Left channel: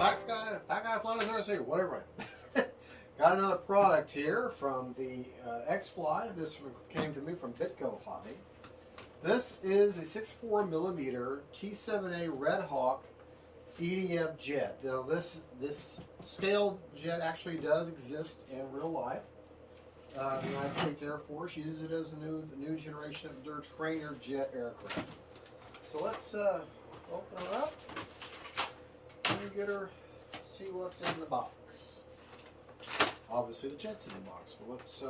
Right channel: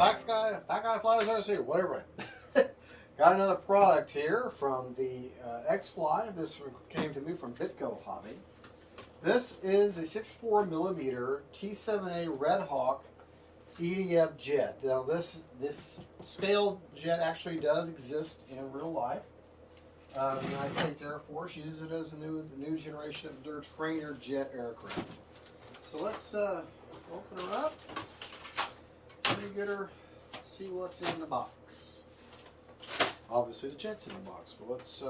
Fat guy flies RC, whatever. Got another product here from the X-FLY. This came to me from BITGO Hobby. This is a 64mm T-7A REDHAWK EDF jet. Now this scaled jet actually does exist in real life. The United States Air Force uses it as a new generation of their trainer jet aircraft. So let's open her up. Let me get her, see what's in the box. Obviously the jet's in the box, but let's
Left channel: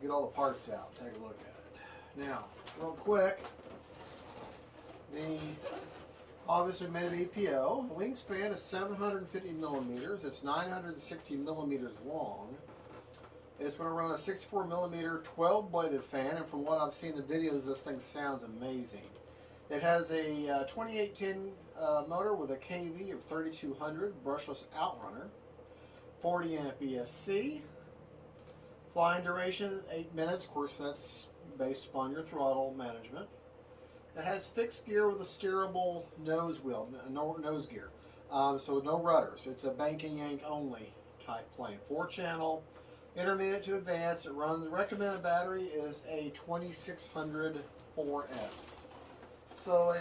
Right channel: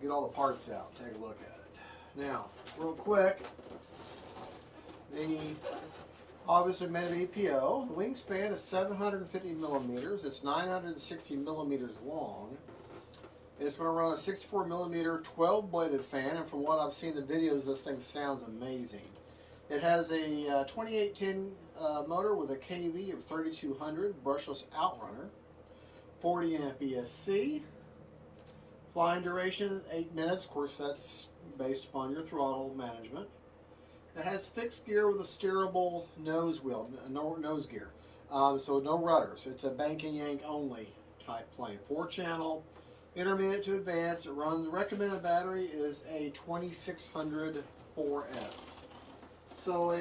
get all the parts out, take a look at it. Now, real quick, obviously made of EPO. The wingspan is 750 millimeters. It's 960 millimeters long. It's going to run a 64mm 12-bladed fan, and from what I've seen in the videos, this thing sounds amazing. It has a 2810 motor with a KV of 3200, brushless outrunner, 40 amp ESC. Flying duration 8 minutes. Of course, that's based upon your throttle management. It has fixed gear with a steerable nose wheel, nose gear. So no rudders. It's a bank and yank only type plane. 4-channel, intermediate to advanced. It runs, recommended battery is a 2600 4S. So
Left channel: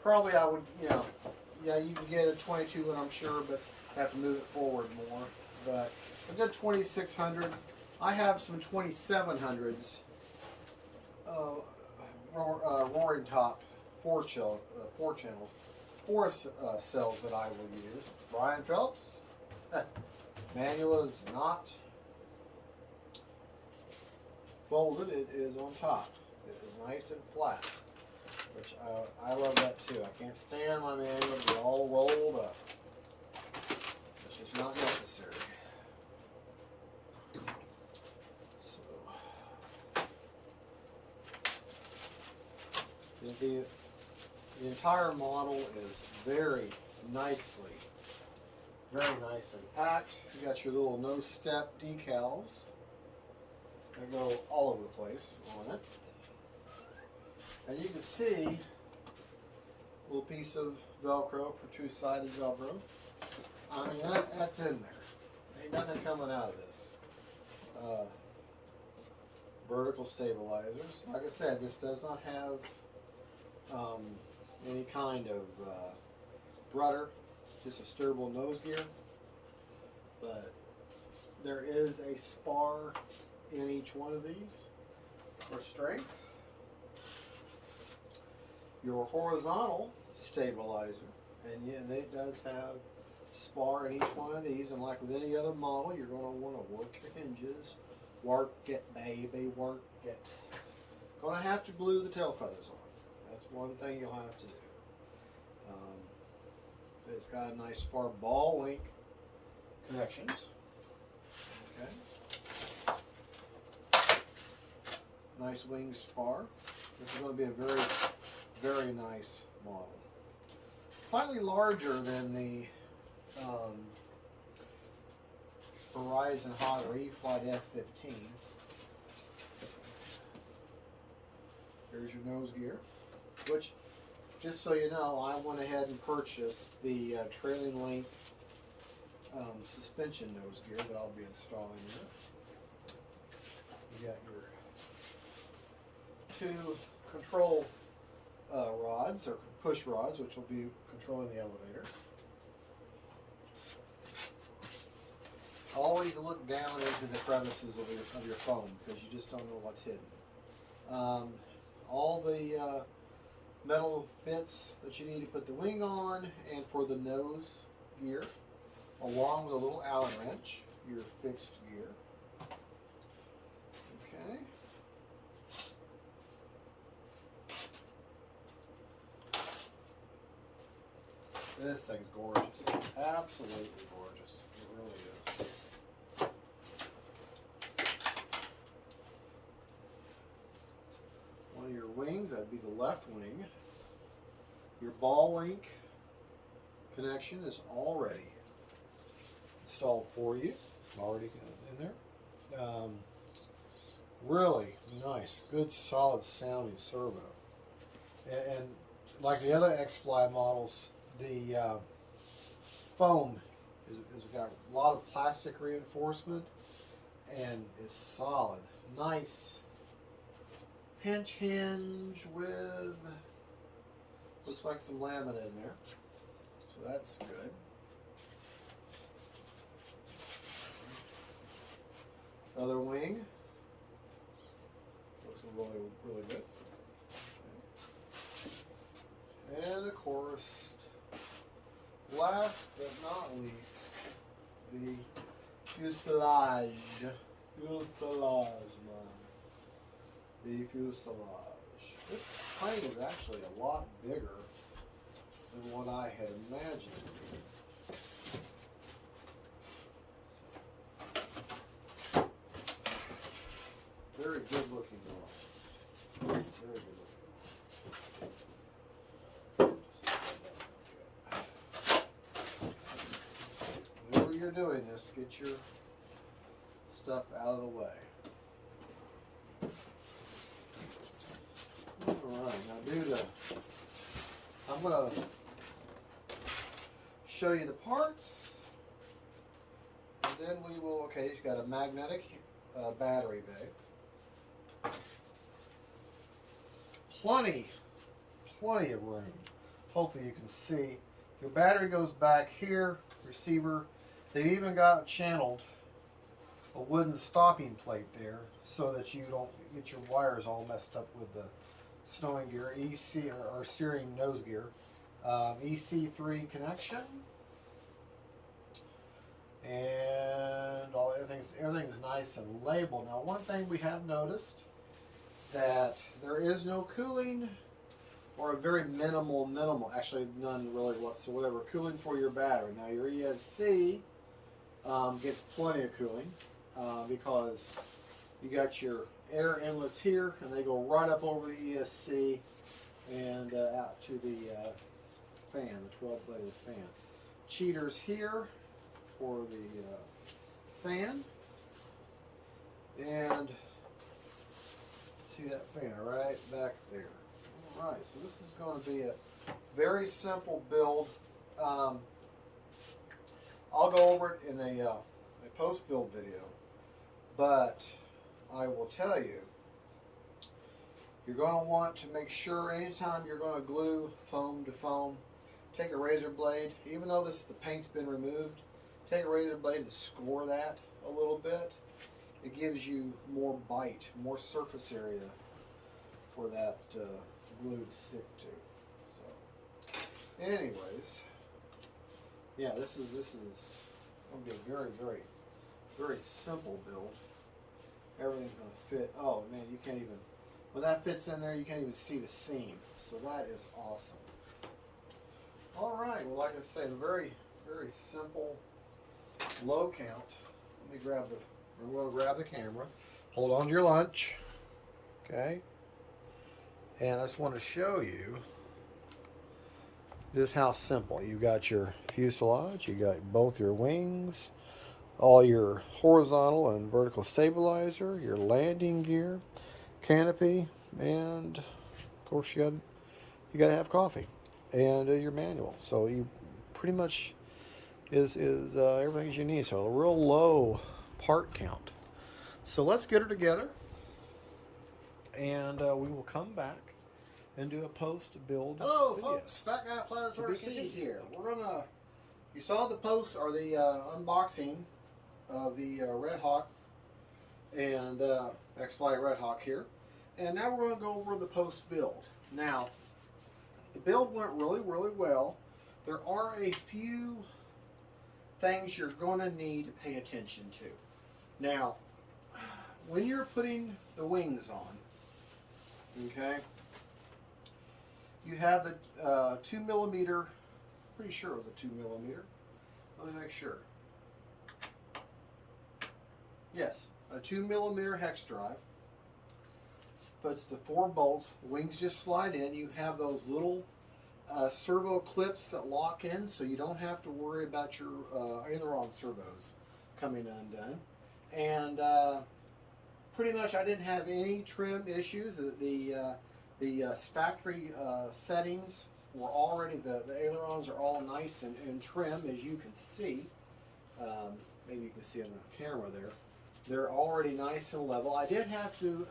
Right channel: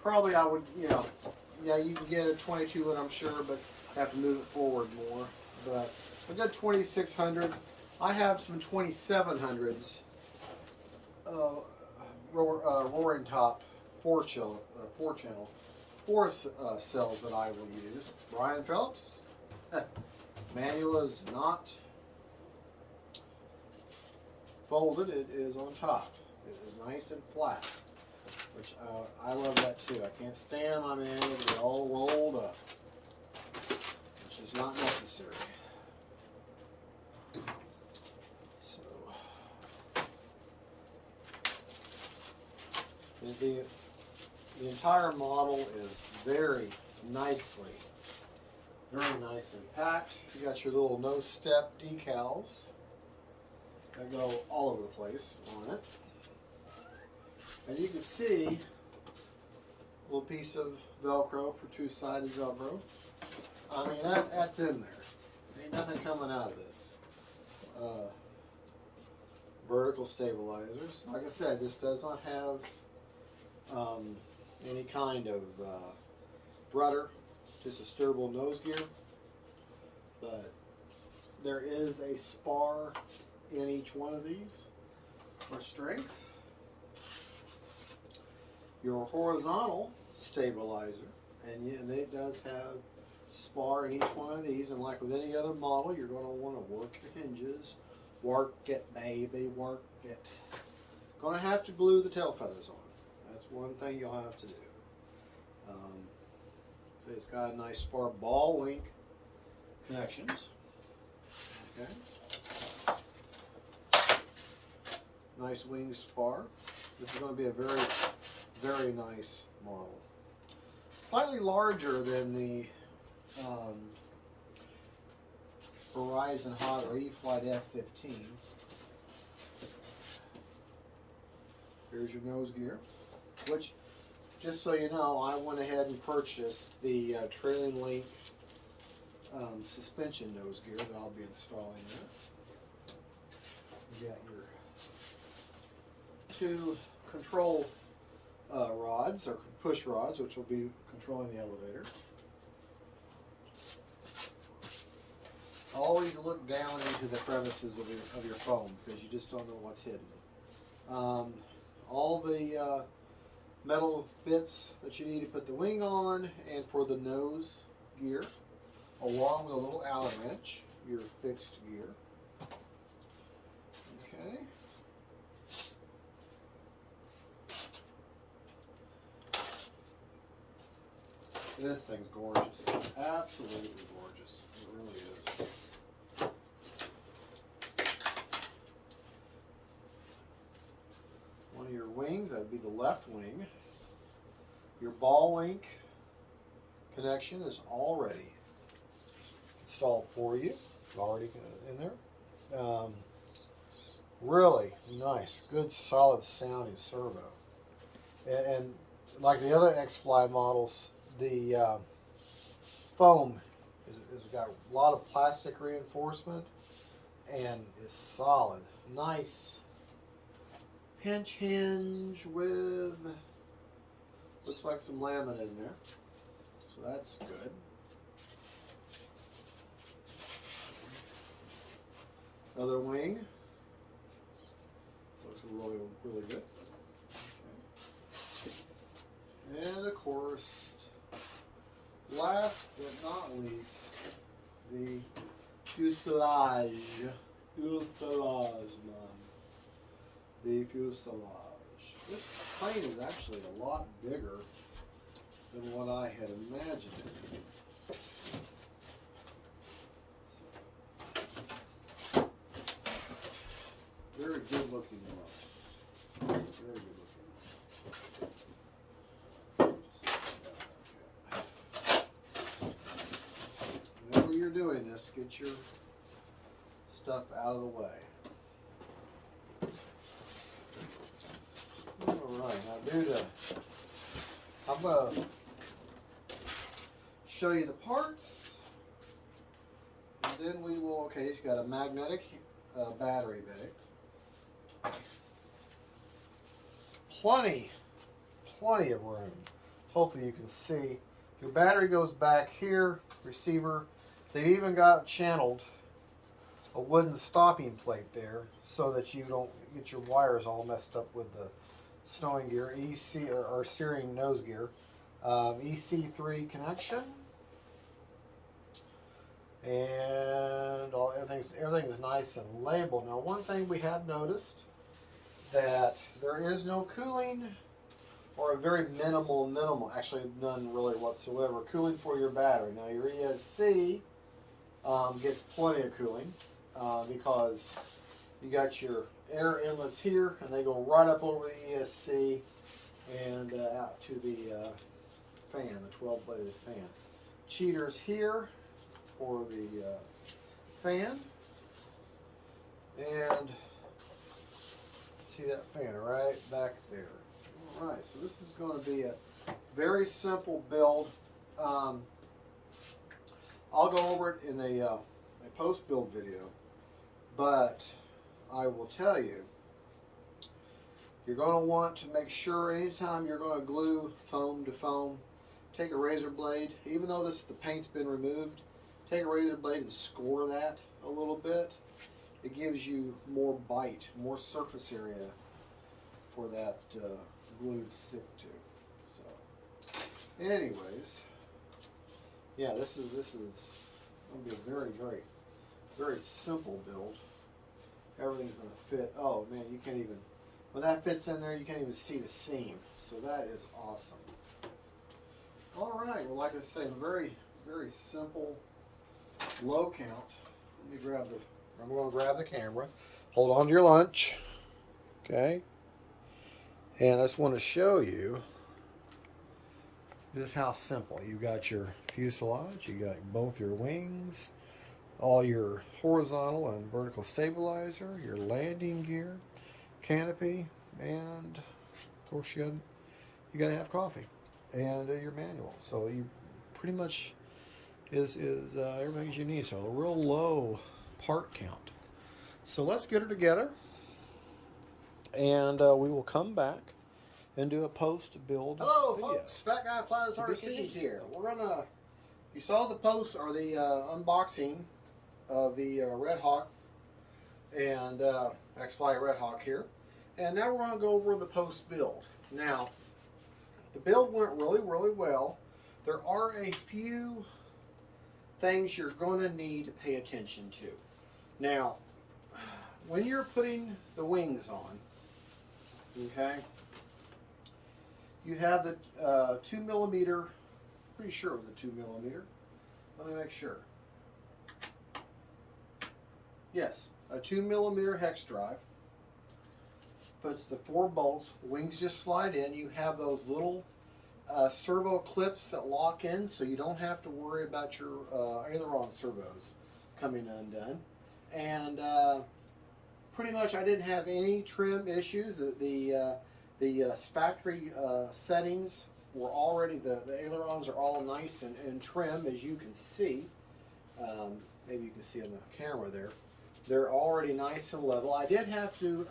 probably I would, yeah, you can get a 22, I'm sure, but have to move it forward more. But a good 2600. I have some 2700s. Roaring top 4 channels, 4 cells that I will use. Brian Phelps. Manual is not folded, it is on top. It is nice and flat, which I love that too. I can't stand my manual to be all rolled up, which is not necessary. The entire model is very nicely packed. You got your little no step decals that go all over the place on it. And you can see a little piece of Velcro for two-sided Velcro. I mean, that's in there. Ain't nothing coming out of this. Vertical stabilizers. Like I said, this does not have any kind of rudder, just a steerable nose gear, but there is a spar in each one of these for strength. Your horizontal stabilizer, and it does have spar in each one of these, and like with any other model, you're going to want to work your hinges, work it baby, work it. Going to have to glue the tail feathers on. That's one thing you'll have to do. So it's got a nice spar ball link connections. Okay. Nice wing spar. This is going to be a very, very nice model. Slightly larger than the Horizon Hot or X-FLY F-15. Here's your nose gear, which, just so you know, I went ahead and purchased the trailing link suspension nose gear that I'll be installing here. You got your 2 control rods, or push rods, which will be controlling the elevator. Always look down into the crevices of your foam, because you just don't know what's hidden. All the metal bits that you need to put the wing on and for the nose gear, along with a little Allen wrench, your fixed gear. Okay. This thing's gorgeous. Absolutely gorgeous. It really is. One of your wings, that'd be the left wing. Your ball link connection is already installed for you. Already in there. Really nice, good, solid sounding servo. And like the other X-FLY models, the foam is got a lot of plastic reinforcement and is solid. Nice pinch hinge with, looks like some laminate in there, so that's good. Other wing looks really, really good. Okay. And of course, last but not least, the fuselage. Fuselage, man. The fuselage. This plane is actually a lot bigger than what I had imagined. Very good looking model. Very good looking model. Whenever you're doing this, get your stuff out of the way. Alright, now I'm going to show you the parts, and then we will, okay, you've got a magnetic battery bay. Plenty of room. Hopefully you can see. Your battery goes back here, receiver. They've even got channeled a wooden stopping plate there so that you don't get your wires all messed up with the snowing gear, EC or steering nose gear. EC3 connection. And everything is nice and labeled. Now, one thing we have noticed, that there is no cooling, or a very minimal, actually none really whatsoever, cooling for your battery. Now your ESC gets plenty of cooling because you got your air inlets here, and they go right up over the ESC and out to the fan, the 12-bladed fan. Cheaters here for the fan, and see that fan right back there. All right, so this is going to be a very simple build. I'll go over it in a post-build video, but I will tell you, you're going to want to make sure anytime you're going to glue foam to foam, take a razor blade, even though the paint's been removed, take a razor blade and score that a little bit. It gives you more bite, more surface area for that glue to stick to. So, anyways, yeah, this is going to be a very simple build. Everything's going to fit. Oh man, you can't even, when that fits in there, you can't even see the seam. So that is awesome. All right, well, like I say, a very simple, low count. I'm going to grab the camera. Hold on to your lunch. Okay. And I just want to show you just how simple. You got your fuselage, you got both your wings, all your horizontal and vertical stabilizer, your landing gear, canopy, and of course you got to have coffee and your manual. So you pretty much is everything you need. So a real low part count. So let's get her together, and we will come back and do a post-build video. Hello folks, Fat Guy Flies RC here. We're gonna, you saw the post or the unboxing of the REDHAWK and X-FLY REDHAWK here, and now we're gonna go over the post-build. Now, the build went really well. There are a few things you're gonna need to pay attention to. Now, when you're putting the wings on, okay, you have the 2mm, pretty sure it was a 2mm. Let me make sure. Yes, a 2mm hex drive. Puts the 4 bolts, the wings just slide in. You have those little servo clips that lock in, so you don't have to worry about your aileron servos coming undone. And pretty much I didn't have any trim issues. The The factory settings were already, the ailerons are all nice and trim, as you can see. Maybe you can see on the camera there. They're already nice and level. I did have to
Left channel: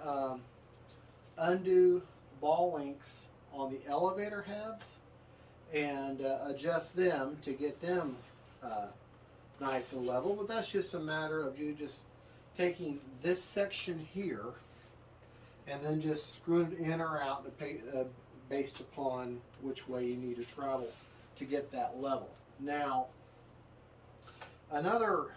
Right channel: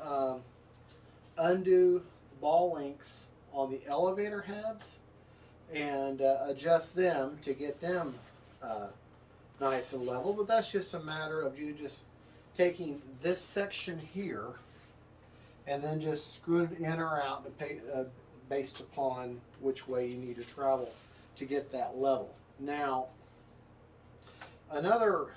undo ball links on the elevator halves and adjust them to get them nice and level, but that's just a matter of you just taking this section here and then just screwing it in or out based upon which way you need to travel to get that level. Now, another,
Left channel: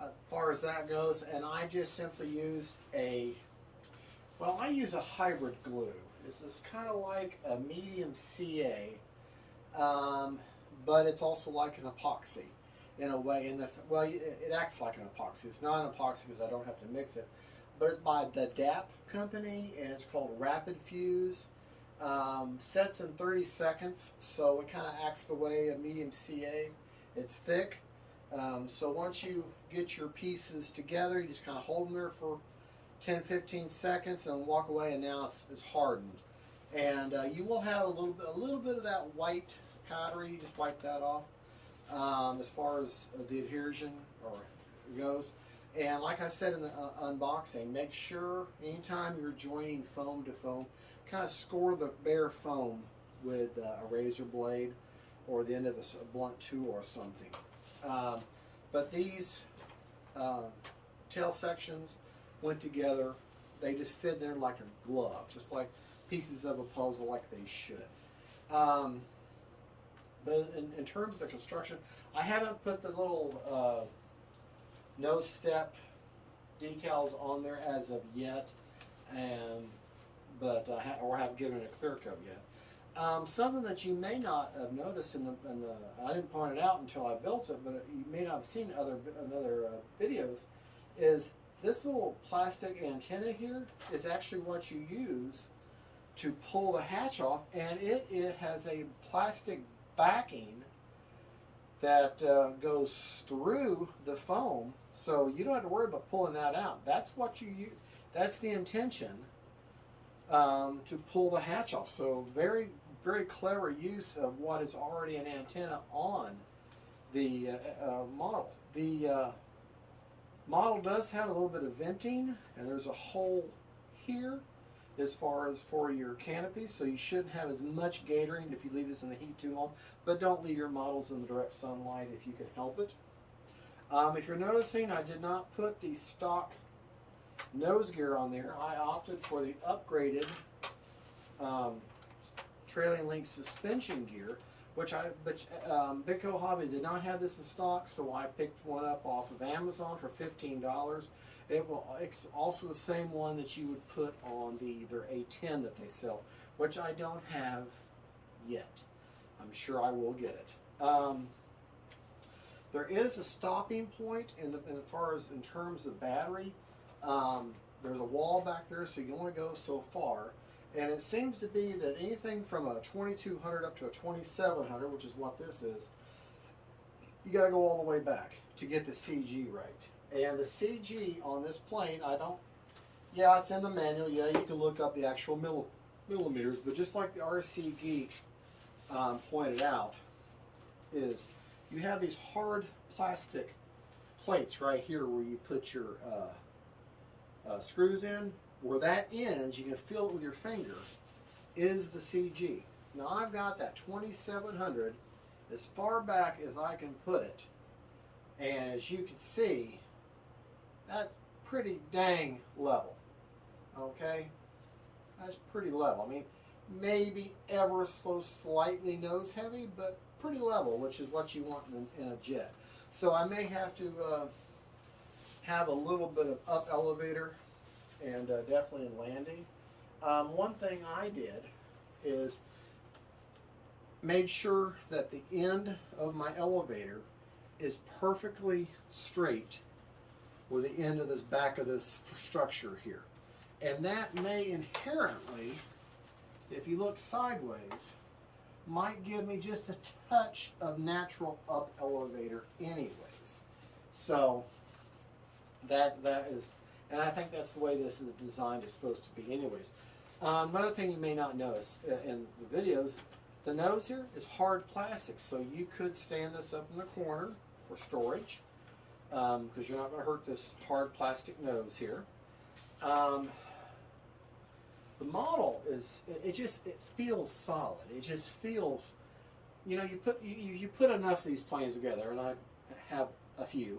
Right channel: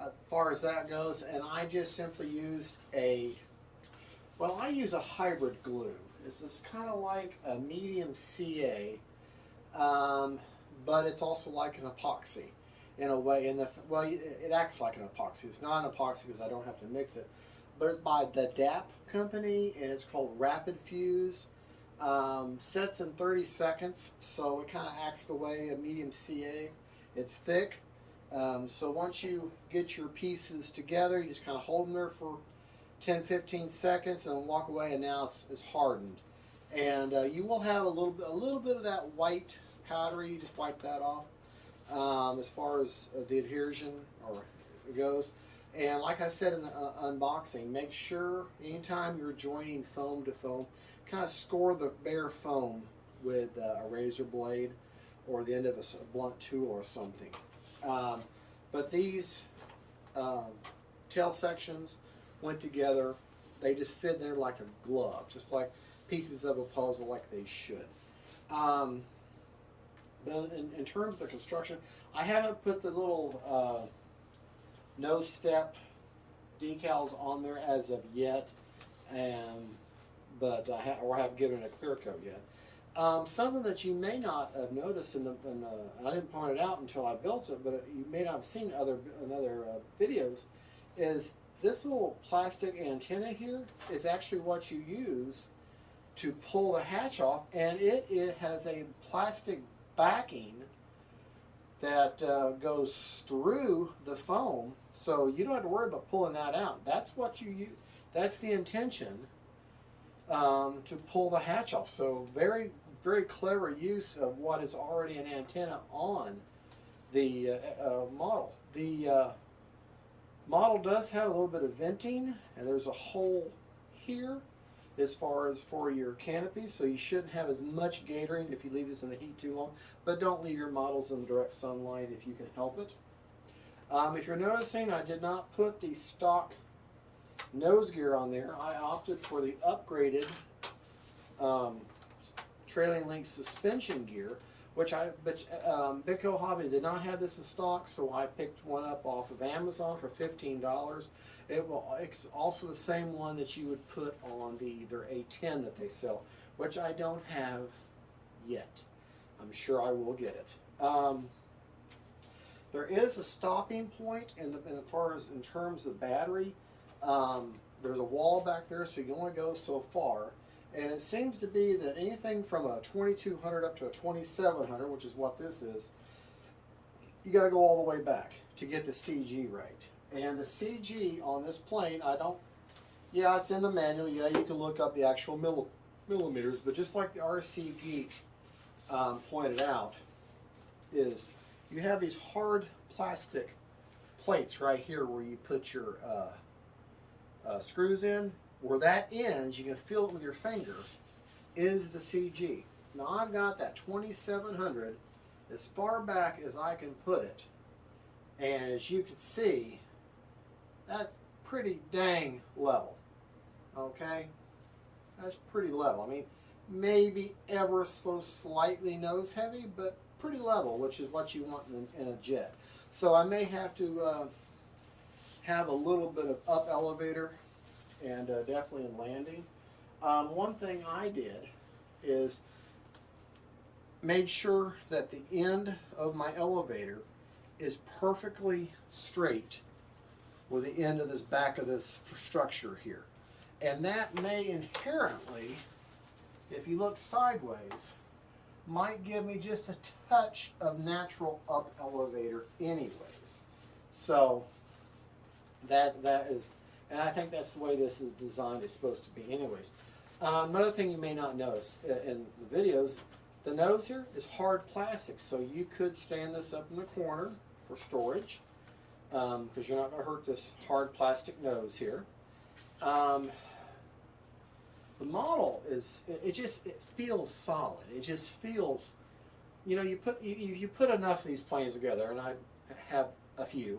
as far as that goes, and I just simply used I use a hybrid glue. This is kind of like a medium CA, but it's also like an epoxy in a way. It acts like an epoxy. It's not an epoxy because I don't have to mix it, but it's by the DAP company, and it's called Rapid Fuse. Sets in 30 seconds, so it kind of acts the way a medium CA. It's thick, so once you get your pieces together, you just kind of hold them there for 10-15 seconds and walk away, and now it's hardened. And you will have a little bit of that white powdery. You just wipe that off as far as the adhesion goes. And like I said in the unboxing, make sure anytime you're joining foam to foam, kind of score the bare foam with a razor blade or the end of a blunt tool or something. But these tail sections went together. They just fit there like a glove, just like pieces of a puzzle, like they should. But in terms of the construction, I haven't put the little nose step decals on there as of yet, but or have given it a clear coat yet. Something that you may not have noticed I didn't point it out until I built it, but you may not have seen in other videos, is this little plastic antenna here is actually what you use to pull the hatch off, and it has a plastic backing that goes through the foam, so you don't have to worry about pulling that out. That's what you use. That's the intention, to pull the hatch off. So very, very clever use of what is already an antenna on the model. The model does have a little bit of venting, and there's a hole here as far as for your canopy, so you shouldn't have as much gatoring if you leave this in the heat too long, but don't leave your models in the direct sunlight if you can help it. If you're noticing, I did not put the stock nose gear on there. I opted for the upgraded trailing link suspension gear, which BITGO Hobby did not have this in stock, so I picked one up off of Amazon for $15. It's also the same one that you would put on their A10 that they sell, which I don't have yet. I'm sure I will get it. There is a stopping point in terms of battery. There's a wall back there, so you can only go so far. And it seems to be that anything from a 2200 up to a 2700, which is what this is, you got to go all the way back to get the CG right. And the CG on this plane, yeah, it's in the manual. Yeah, you can look up the actual millimeters, but just like the RC Geek pointed out, is you have these hard plastic plates right here where you put your screws in. Where that ends, you can feel it with your finger, is the CG. Now I've got that 2700 as far back as I can put it, and as you can see, that's pretty dang level. Okay, that's pretty level. I mean, maybe ever so slightly nose heavy, but pretty level, which is what you want in a jet. So I may have to have a little bit of up elevator, and definitely in landing. One thing I did is made sure that the end of my elevator is perfectly straight with the end of this back of this structure here. And that may inherently, if you look sideways, might give me just a touch of natural up elevator anyways. So that is, and I think that's the way this is designed, is supposed to be anyways. Another thing you may not notice in the videos, the nose here is hard plastic, so you could stand this up in the corner for storage because you're not going to hurt this hard plastic nose here. The model is, it feels solid. It just feels, you know, you put enough of these planes together, and I have a few,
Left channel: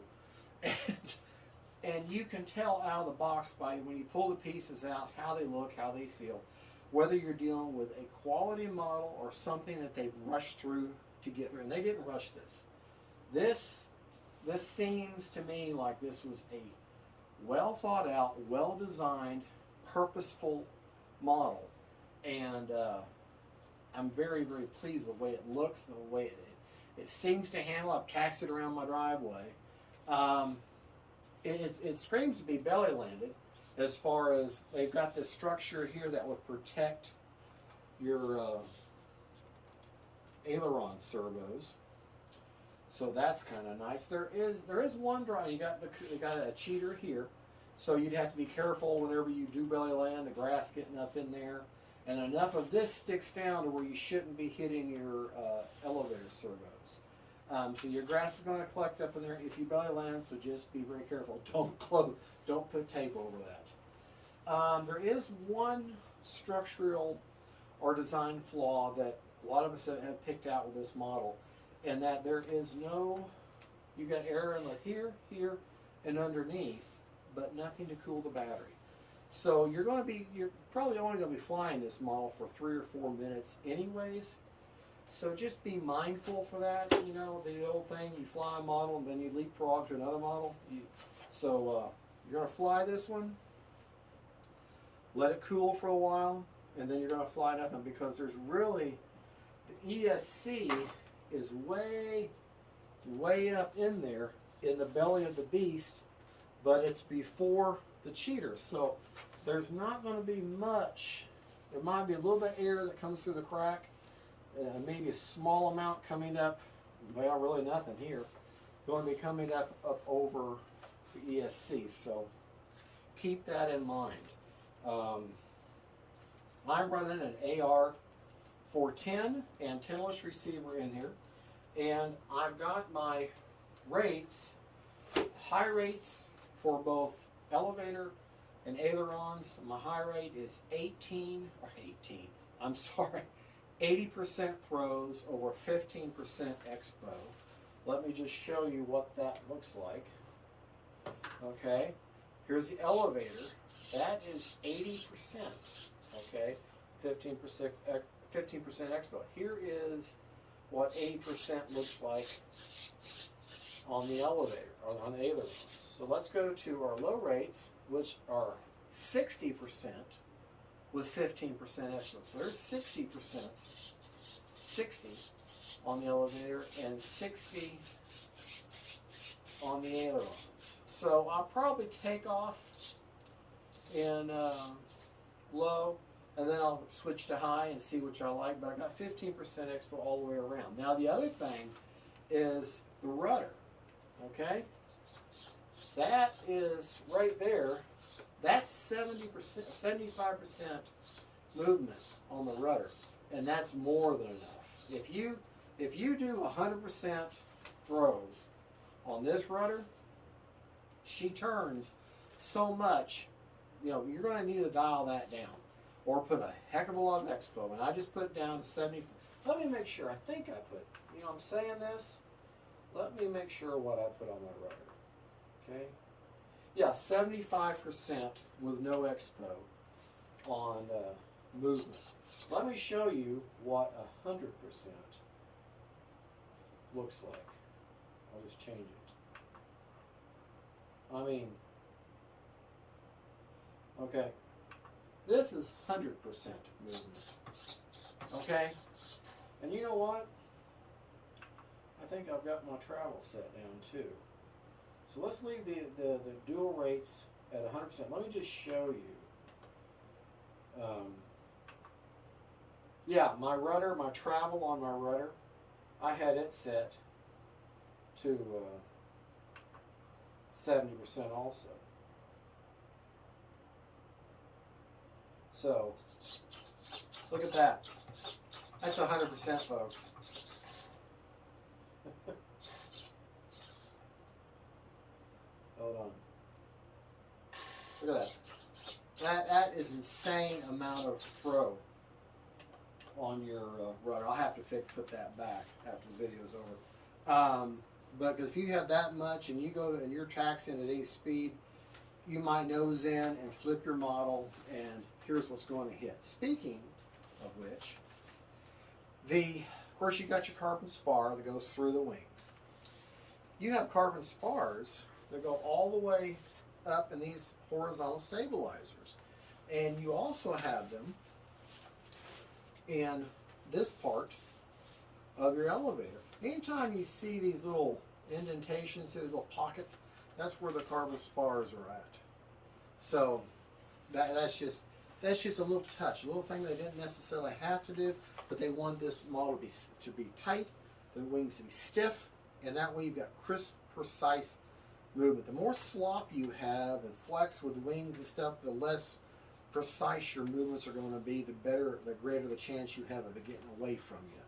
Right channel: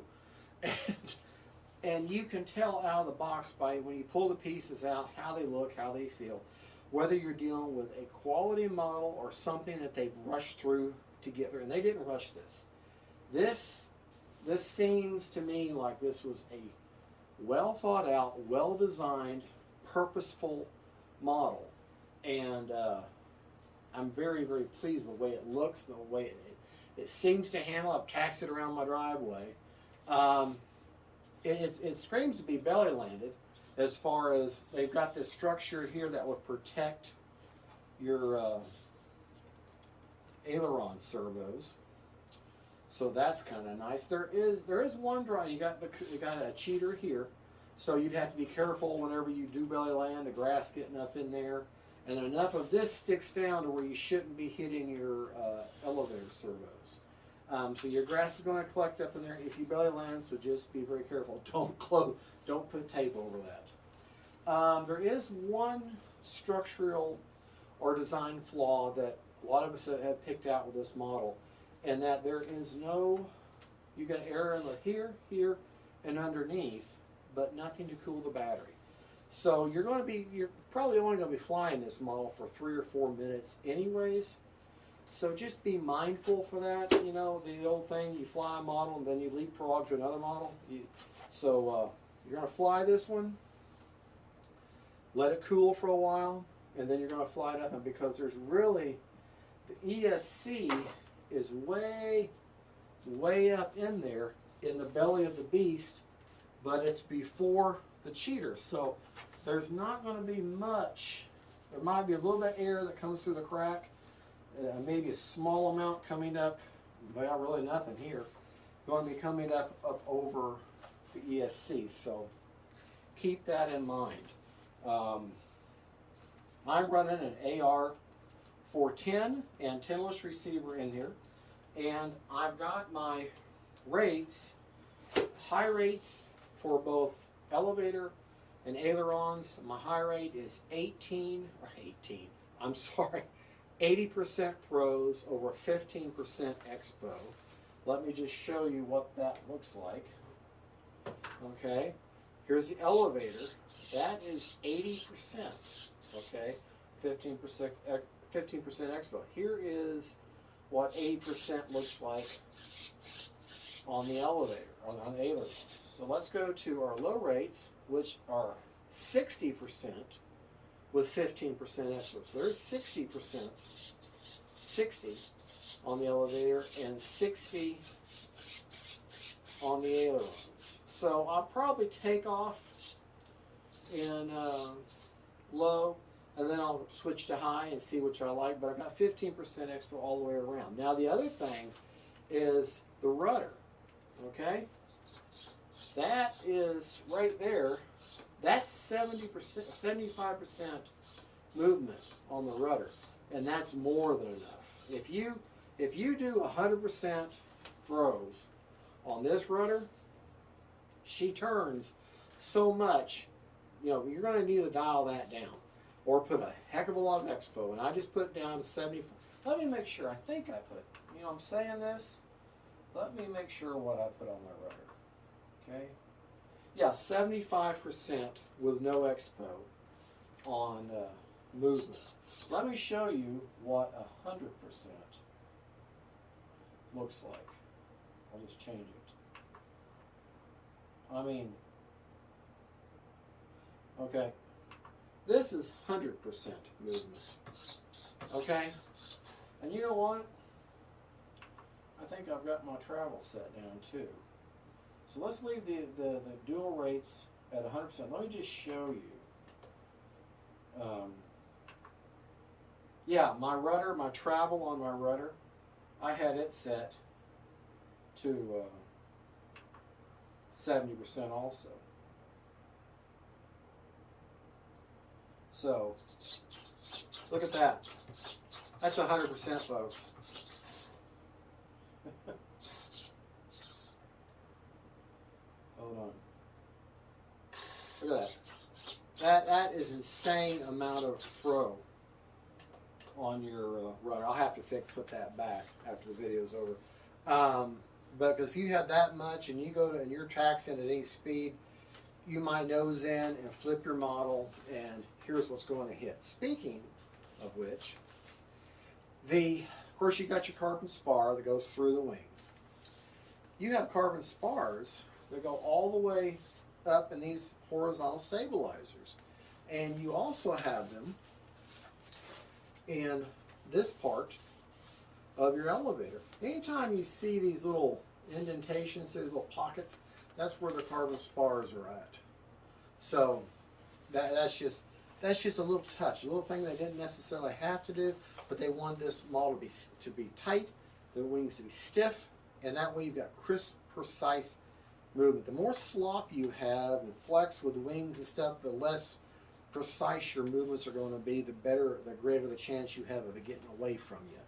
and you can tell out of the box by when you pull the pieces out how they look, how they feel, whether you're dealing with a quality model or something that they've rushed through to get through. And they didn't rush this. This seems to me like this was a well thought out, well designed, purposeful model. And I'm very, very pleased with the way it looks, the way it seems to handle. I've taxied it around my driveway. It screams to be belly landed, as far as they've got this structure here that would protect your aileron servos. So that's kind of nice. There is one drawing. You got a cheater here, so you'd have to be careful whenever you do belly land, the grass getting up in there, and enough of this sticks down to where you shouldn't be hitting your elevator servos. So your grass is going to collect up in there if you belly land, so just be very careful. Don't put tape over that. There is one structural or design flaw that a lot of us have picked out with this model, and that there is no, you got air in the here, and underneath, but nothing to cool the battery. So you're probably only going to be flying this model for 3 or 4 minutes anyways. So just be mindful for that. You know, the old thing, you fly a model and then you leapfrog to another model. You're going to fly this one, let it cool for a while, and then you're going to fly nothing, because there's really, the ESC is way, way up in there in the belly of the beast, but it's before the cheater. So there's not going to be much. There might be a little bit of air that comes through the crack. Maybe a small amount coming up, well, really nothing here, going to be coming up over the ESC, so keep that in mind. I'm running an AR-410 antennaless receiver in here, and I've got my rates, high rates for both elevator and ailerons. My high rate is 80% throws over 15% expo. Let me just show you what that looks like. Okay, here's the elevator. That is 80%. Okay, 15% expo. Here is what 80% looks like on the elevator, or on the ailerons. So let's go to our low rates, which are 60% with 15% expo. So there's 60%, 60 on the elevator and 60 on the ailerons. So I'll probably take off in low, and then I'll switch to high and see which I like, but I got 15% expo all the way around. Now the other thing is the rudder, okay? That is right there. That's 70%, 75% movement on the rudder, and that's more than enough. If you do 100% throws on this rudder, she turns so much, you know, you're going to need to dial that down or put a heck of a lot of expo. And I just put it down to 70. Let me make sure. I think I put, you know, I'm saying this. Let me make sure what I put on my rudder. Okay. Yeah, 75% with no expo on movement. Let me show you what 100% looks like. I'll just change it. I mean, okay, this is 100% movement. Okay, and you know what? I think I've got my travel set down too. So let's leave the dual rates at 100%. Let me just show you. Yeah, my rudder, my travel on my rudder, I had it set to 70% also. So, look at that. That's 100%, folks. Hold on. Look at that. That is insane amount of throw on your rudder. I'll have to put that back after the video's over. But if you have that much and you go to and you're taxiing at any speed, you might nose in and flip your model, and here's what's going to hit. Speaking of which, of course you got your carbon spar that goes through the wings. You have carbon spars that go all the way up in these horizontal stabilizers, and you also have them in this part of your elevator. Anytime you see these little indentations, these little pockets, that's where the carbon spars are at. So that's just a little touch, a little thing they didn't necessarily have to do, but they want this model to be tight, the wings to be stiff, and that way you've got crisp, precise movement. The more slop you have and flex with wings and stuff, the less precise your movements are going to be, the greater the chance you have of it getting away from you.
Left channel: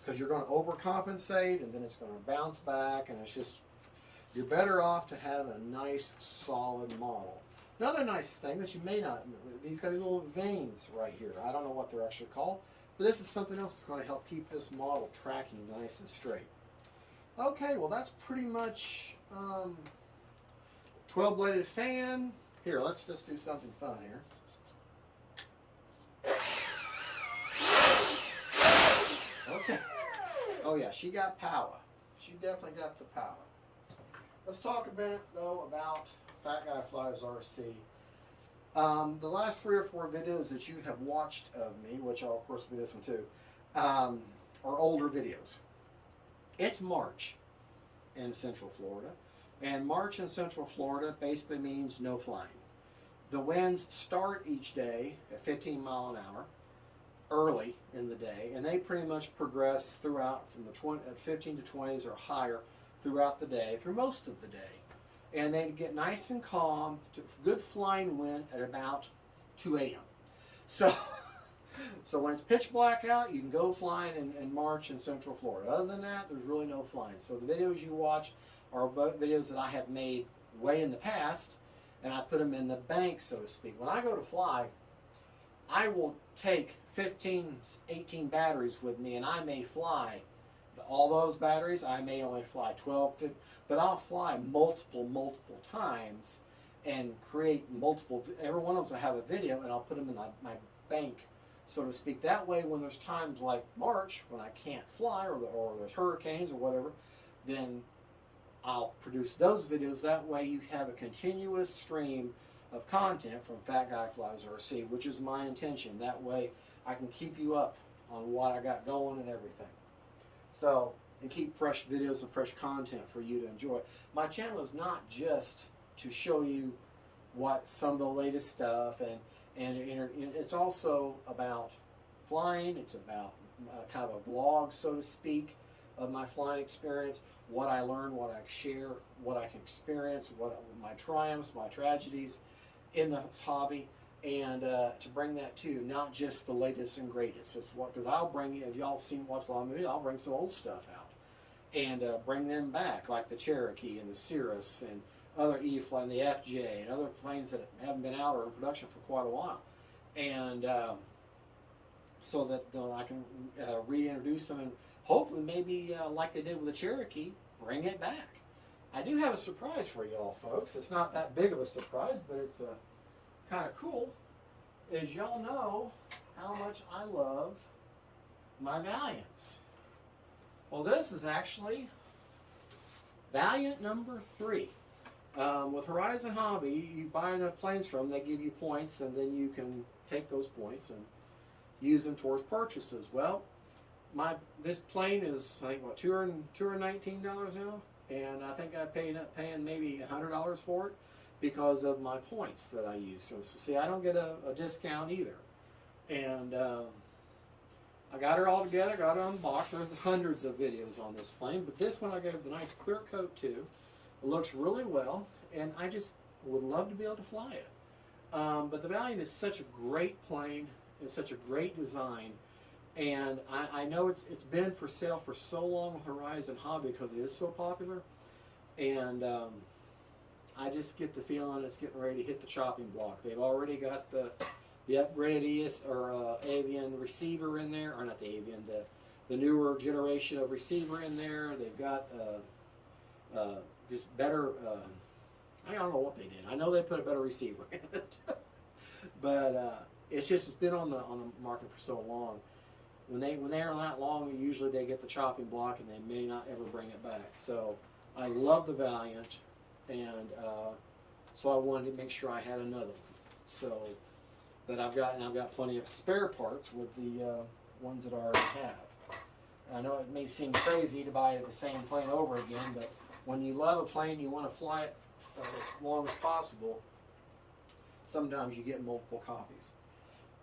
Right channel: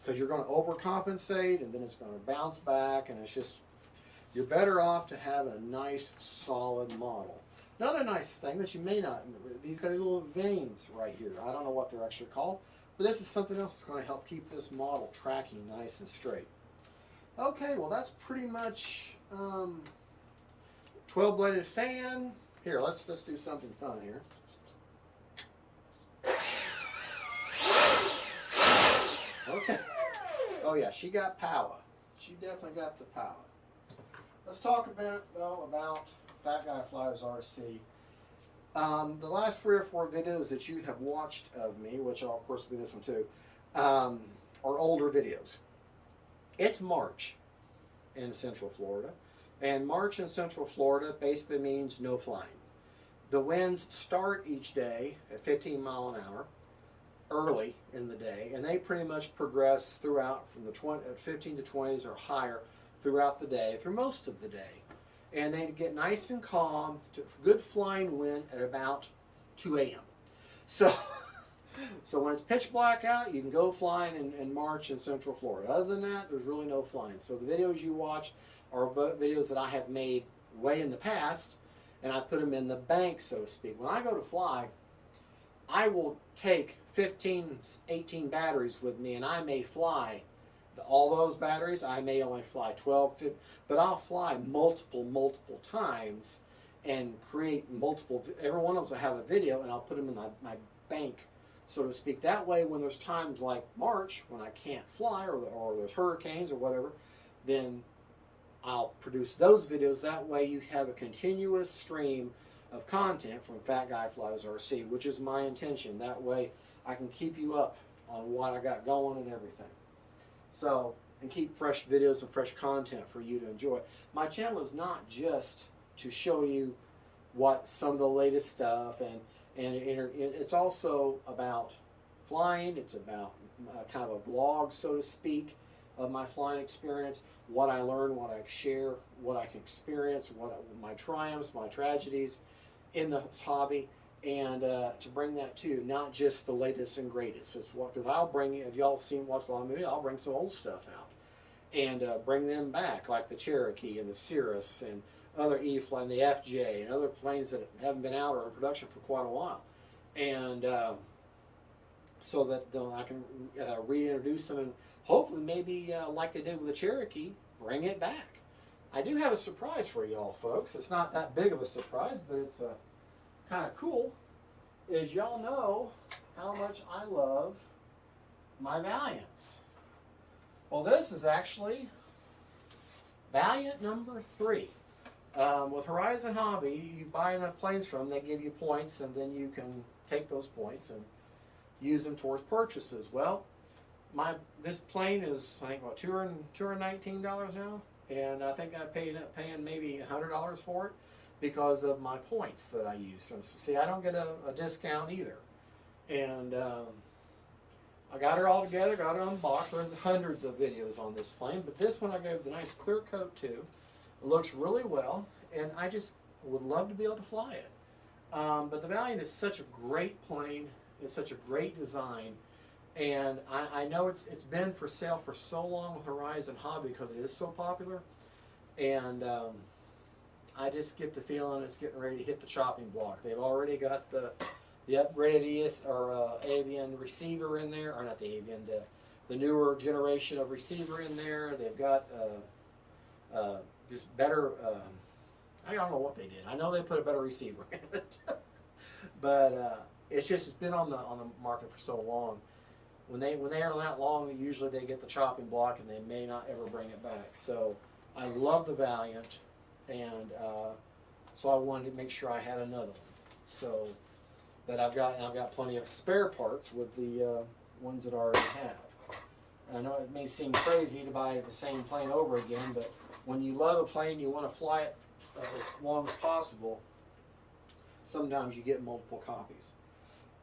Because you're going to overcompensate, and then it's going to bounce back, and it's just, you're better off to have a nice, solid model. Another nice thing that you may not, these got these little veins right here. I don't know what they're actually called, but this is something else that's going to help keep this model tracking nice and straight. Okay, well that's pretty much 12-bladed fan. Here, let's do something fun here. Okay. Oh yeah, she got power. She definitely got the power. Let's talk a minute though about Fat Guy Flies RC. The last 3 or 4 videos that you have watched of me, which will of course be this one too, are older videos. It's March in Central Florida, and March in Central Florida basically means no flying. The winds start each day at 15 miles an hour early in the day, and they pretty much progress throughout from the 15 to 20s or higher throughout the day, through most of the day. And they get nice and calm, to good flying wind at about 2 a.m. So when it's pitch black out, you can go flying in March in Central Florida. Other than that, there's really no flying. So the videos you watch are videos that I have made way in the past, and I put them in the bank, so to speak. When I go to fly, I will take 15, 18 batteries with me, and I may fly all those batteries. I may only fly 12, 15, but I'll fly multiple times and create multiple, every one of them will have a video, and I'll put them in my bank, so to speak. That way, when there's times like March when I can't fly, or there's hurricanes or whatever, then I'll produce those videos. That way you have a continuous stream of content from Fat Guy Flies RC, which is my intention. That way I can keep you up on what I got going and everything. So, and keep fresh videos and fresh content for you to enjoy. My channel is not just to show you what some of the latest stuff, and it's also about flying. It's about kind of a vlog, so to speak, of my flying experience, what I learned, what I share, what I can experience, what my triumphs, my tragedies in this hobby, and to bring that to you, not just the latest and greatest. It's what, because I'll bring, if y'all have watched a lot of movies, I'll bring some old stuff out and bring them back, like the Cherokee and the Cirrus and other E-Fly and the FJ and other planes that haven't been out or in production for quite a while, and so that I can reintroduce them, and hopefully maybe like they did with the Cherokee, bring it back. I do have a surprise for y'all folks. It's not that big of a surprise, but it's kind of cool. As y'all know how much I love my Valiants. Well, this is actually Valiant number 3. With Horizon Hobby, you buy enough planes from them, they give you points, and then you can take those points and use them towards purchases. Well, this plane is, I think, what, $219 now, and I think I paid up paying maybe $100 for it because of my points that I use. So see, I don't get a discount either, and I got her all together, got it unboxed. There's hundreds of videos on this plane, but this one I gave the nice clear coat to. It looks really well, and I just would love to be able to fly it. But the Valiant is such a great plane. It's such a great design. And I know it's been for sale for so long with Horizon Hobby because it is so popular. And I just get the feeling it's getting ready to hit the chopping block. They've already got the upgraded avian receiver in there, or not the avian, the newer generation of receiver in there. They've got just better. I don't know what they did. I know they put a better receiver in it, but it's been on the market for so long. When they are that long, usually they get the chopping block and they may not ever bring it back. So I love the Valiant, and so I wanted to make sure I had another one. So that I've got plenty of spare parts with the ones that I already have. I know it may seem crazy to buy the same plane over again, but when you love a plane, you want to fly it as long as possible. Sometimes you get multiple copies.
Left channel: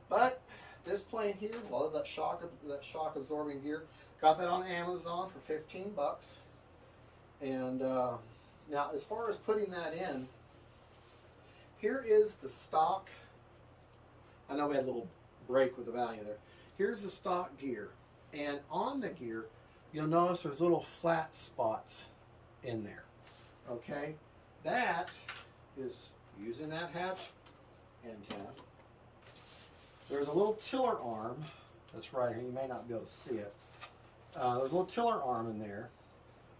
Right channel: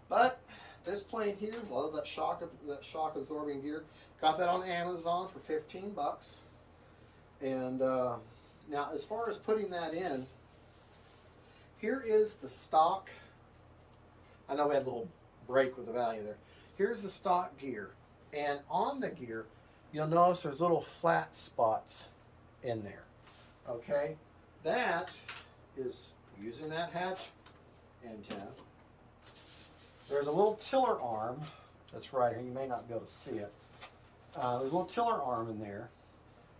But this plane here, love that shock absorbing gear. Got that on Amazon for 15 bucks. And now, as far as putting that in, here is the stock. I know we had a little break with the value there. Here's the stock gear. And on the gear, you'll notice there's little flat spots in there. Okay? That is using that hatch antenna. There's a little tiller arm that's right here. You may not be able to see it. There's a little tiller arm in there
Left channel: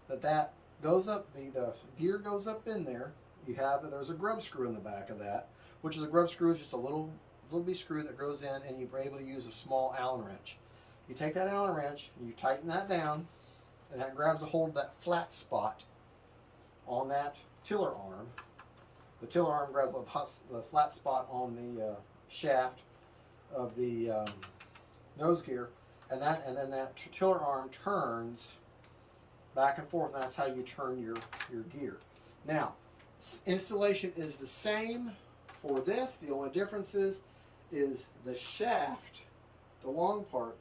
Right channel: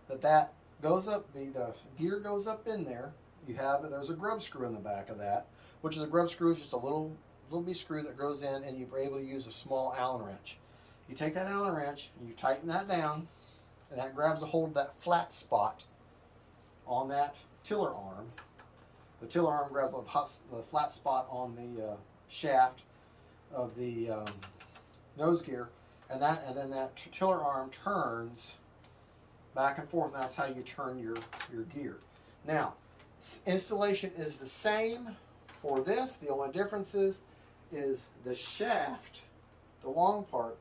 that goes up. The gear goes up in there. There's a grub screw in the back of that, which is a grub screw is just a little bitty screw that goes in, and you're able to use a small Allen wrench. You take that Allen wrench and you tighten that down, and that grabs a hold of that flat spot on that tiller arm. The tiller arm grabs the flat spot on the shaft of the nose gear, and then that tiller arm turns back and forth, and that's how you turn your gear. Now, installation is the same for this. The only difference is the shaft, the long part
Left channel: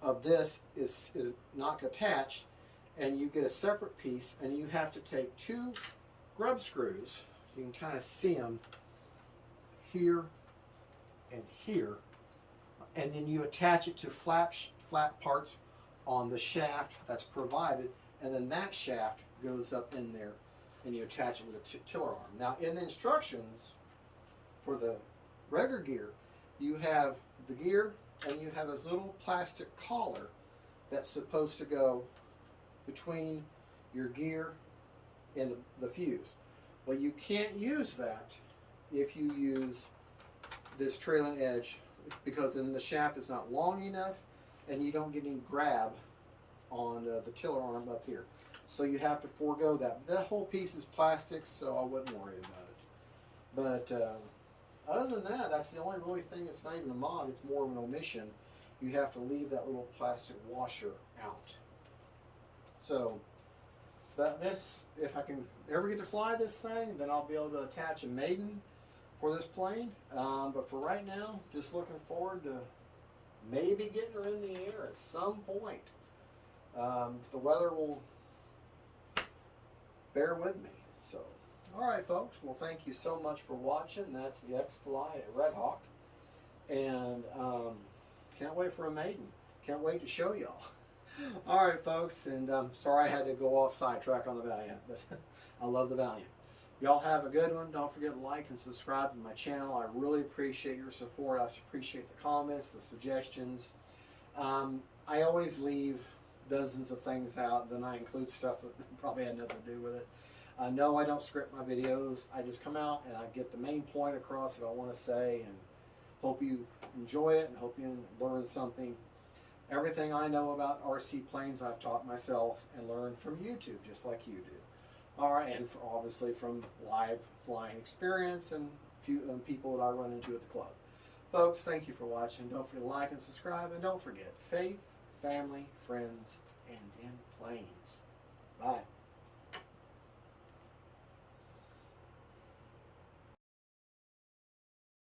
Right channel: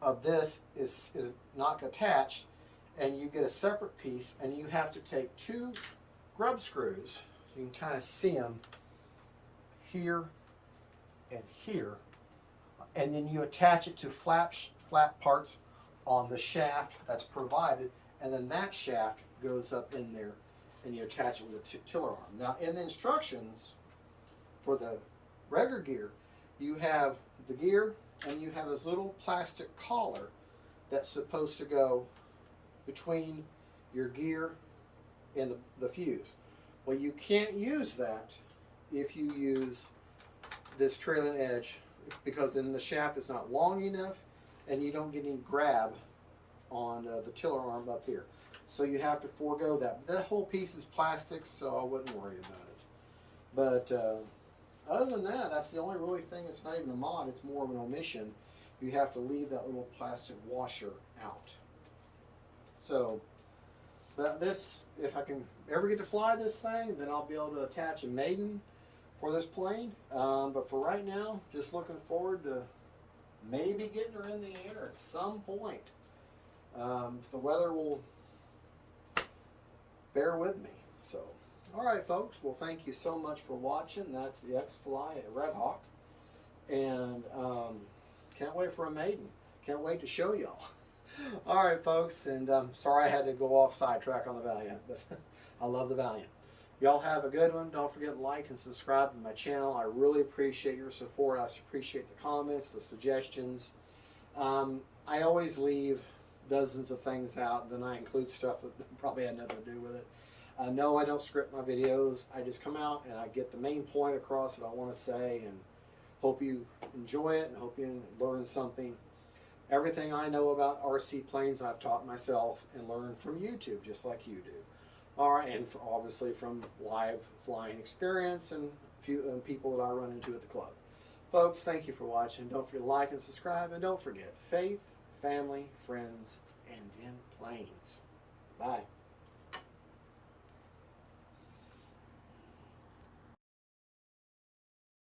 of this is not attached, and you get a separate piece, and you have to take two grub screws. You can kind of see them here and here, and then you attach it to flat parts on the shaft that's provided, and then that shaft goes up in there, and you attach it with a tiller arm. Now, in the instructions for the regular gear, you have the gear, and you have this little plastic collar that's supposed to go between your gear and the fuse. Well, you can't use that if you use this trailing edge, because then the shaft is not long enough and you don't get any grab on the tiller arm up here. So you have to forego that. That whole piece is plastic, so I wouldn't worry about it. But other than that, that's the only really thing. It's not even a mod, it's more of an omission. You have to leave that little plastic washer out. So, but this, if I can ever get to fly this thing, then I'll be able to attach a maiden for this plane. But for right now, just looking forward to maybe getting her in the air at some point. If the weather will bear with me. So, all right, folks. Well, thank you so much for watching. That's the X-FLY REDHAWK. And can't wait for a maiden. Can't wait to show y'all. All right, folks. And sorry I had to go off sidetrack on the Valiant, but I love the Valiant. Y'all have a good one. Don't forget to like and subscribe to my channel. I really appreciate your support. I appreciate the comments, the suggestions. I always leave dozens of things out, then I include stuff that probably had nothing to do with it. No, I don't script my videos. I just come out and I get the main point across that I want to say, and hope you enjoy it and hope you learn something. Everything I know about RC planes I've taught myself and learned from YouTube, just like you do. All right, and obviously from live flying experience and few people that I run into at the club. Folks, thank you for watching. Don't forget to like and subscribe, and don't forget, faith, family, friends, and then planes. Bye.